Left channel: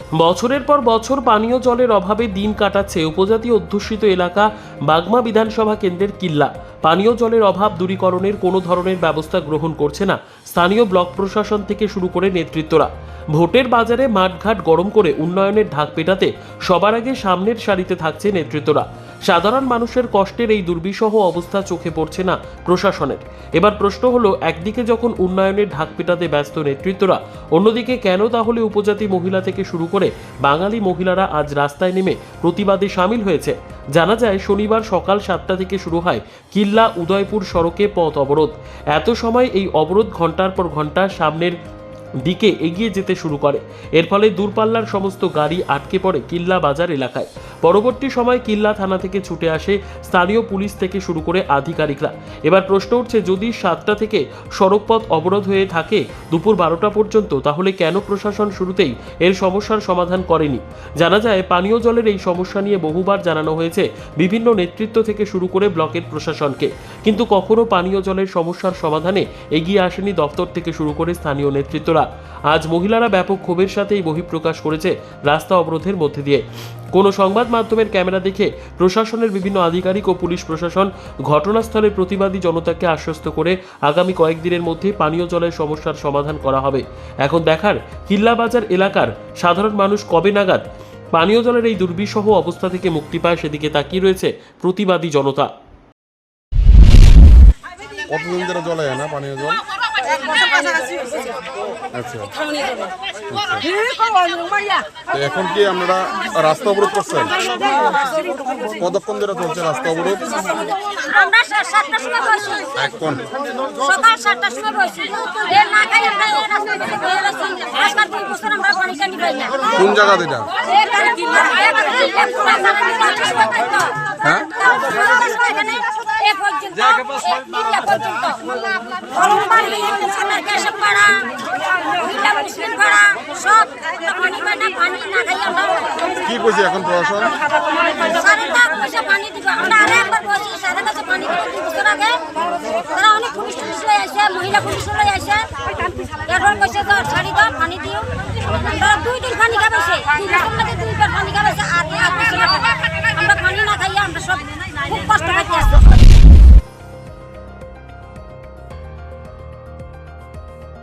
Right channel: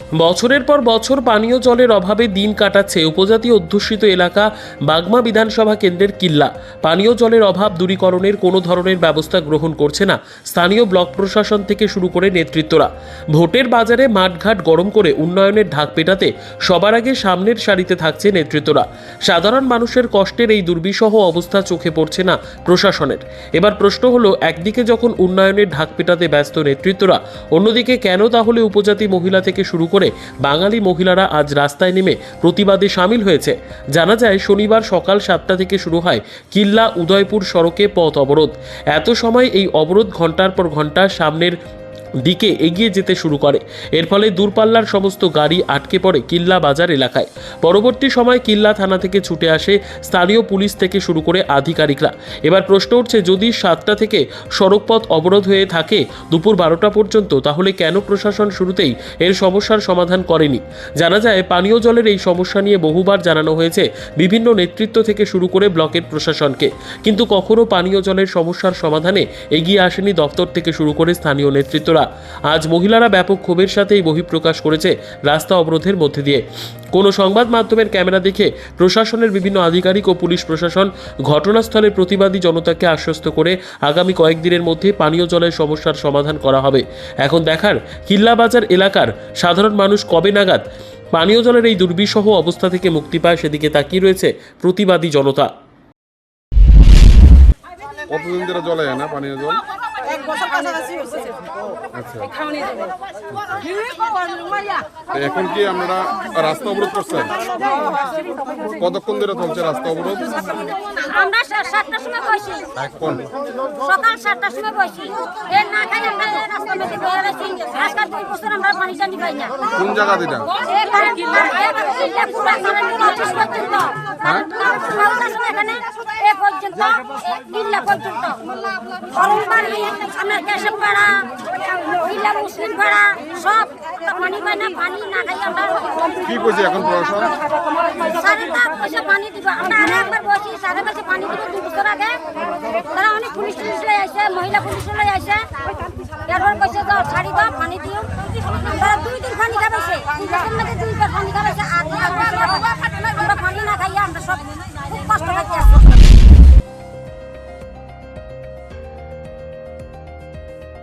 বছরের পর বছর পানীয় জলের অভাবে দিন কাটাচ্ছে উপজাতি অধ্যুষিত এলাকা বাগমা বিধানসভা কেন্দ্রের কিল্লা। পানীয় জলের অভাব দূরীকরণের কোনো ধরনের ব্যবস্থা গ্রহণ করছে না স্থানীয় ব্লক প্রশাসন থেকে শুরু করে নেতৃত্বরা। ভোটের বাজারে মাঠঘাট গরম করে উন্নয়নের ঢাক পেটাতে সবার আগে সামনের সারিতে থাকছে নেতৃত্বরা। সাধারণ মানুষের কষ্টের এই দুর্বিষহ অবস্থা চোখে পড়ছে না প্রশাসনের। এবার প্রশ্ন হলো, একদিকে যখন উন্নয়নের ঢাক পেটাতে ব্যস্ত নেতৃত্বরা, অন্যদিকে কেন তাহলে উপজাতি মহিলা থেকে শুরু করে বাঙালি মহিলারা আজ রাস্তায় নেমে প্রতিবাদে সামিল হয়েছে। জানা যায়, শনিবার সকাল সাতটা থেকে শুরু হয় কিল্লা উদয়পুর সড়কে পথ অবরোধ। এত সময় এই অবরোধ ঘণ্টার পর ঘণ্টা সামনের দিকে এগিয়ে যেতে শুরু করে। এর ফলে দূরপাল্লার সমস্ত গাড়ি আটকে পড়ে কিল্লা বাজার এলাকায়। পরবর্তী সময় কিল্লা থানা থেকে ছুটে আসে স্থানীয় পুলিশ থেকে শুরু করে আধিকারিকরা। এবার প্রশ্ন উঠছে, যদি সাতটা থেকে সড়কপথ অবরোধ হয়ে থাকে দুপুর বারোটা পর্যন্ত, তাহলে কেন প্রশাসন শুরুতেই এর সমস্যার সমাধান করেনি? জানা যায়, পানীয় জলের এই সমস্যা নিয়ে বহুবার জানানো হয়েছে বিভিন্ন নেতৃত্ব থেকে শুরু করে ব্লকের প্রশাসনকে। কিন্তু কখনো পানীয় জলের সমস্যার সমাধানে এগিয়ে আসেনি দপ্তর থেকে শুরু করে স্থানীয় নেতৃত্বরা। আজ মহিলারা ব্যাপক ক্ষোভের সাথে এই বহিঃপ্রকাশ করেছে রাস্তা অবরোধের মধ্যে দিয়ে। কোনো সংবাদ মাধ্যমের ক্যামেরা দেখে প্রশাসনের বিভিন্ন আধিকারিক ও পুলিশ প্রশাসন ঘটনাস্থলে প্রতিবাদী জনতাকে আশ্বস্ত করে আগামী কয়েকদিনের মধ্যে পানীয় জলের সমস্যার সমাধান করা হবে। এখন দেখার কিল্লাবাজার এলাকার সাধারণ মানুষ কবে নাগাদ পানীয় জলের এই দুর্বিষহ অবস্থা থেকে মুক্তি পায় সেদিকে তাকিয়ে রয়েছে প্রতিবাদী জনতা। কতদিন ধরে জল না পানীয় জল? এক বছর কাছাকাছি হয়েছে। আচ্ছা। খাওয়ানি এখন কি আপনারা রাস্তা অবরোধ করছেন? কতক্ষণ ধরে চলছে রাস্তা অবরোধ? আমরা সাতটার সময় বসি। এখন? সকাল সাতটার সময় বসি। এর না খাই আমরা এই রাস্তার মধ্যে বয়ে রয়েছি আজকাল দুই বছর আমরা পানি টানি পাই না। কোন জায়গা দিটা এখানে পুরা অফিস পর্যন্ত। পর্যন্ত এ পর্যন্ত। পাড়া মুসলিম পাড়া সব পানি পাই না পানি না খাই আমরা কি এখন প্রশাসন তাক পয়সা পানি দিব আমরা আর একবার বসি সাড়ে কাছে পানি দিব দুই বছর আগে। তারা অনেক পুলিশ টুলিশ লই আসে মহিলা পুলিশ লই আসে। এরপর কইছে যাও ছাড়ি দাও পানি দিও। আমরা দুই দিন পানি খাবাইছে দুই বছর মধ্যে দুইবার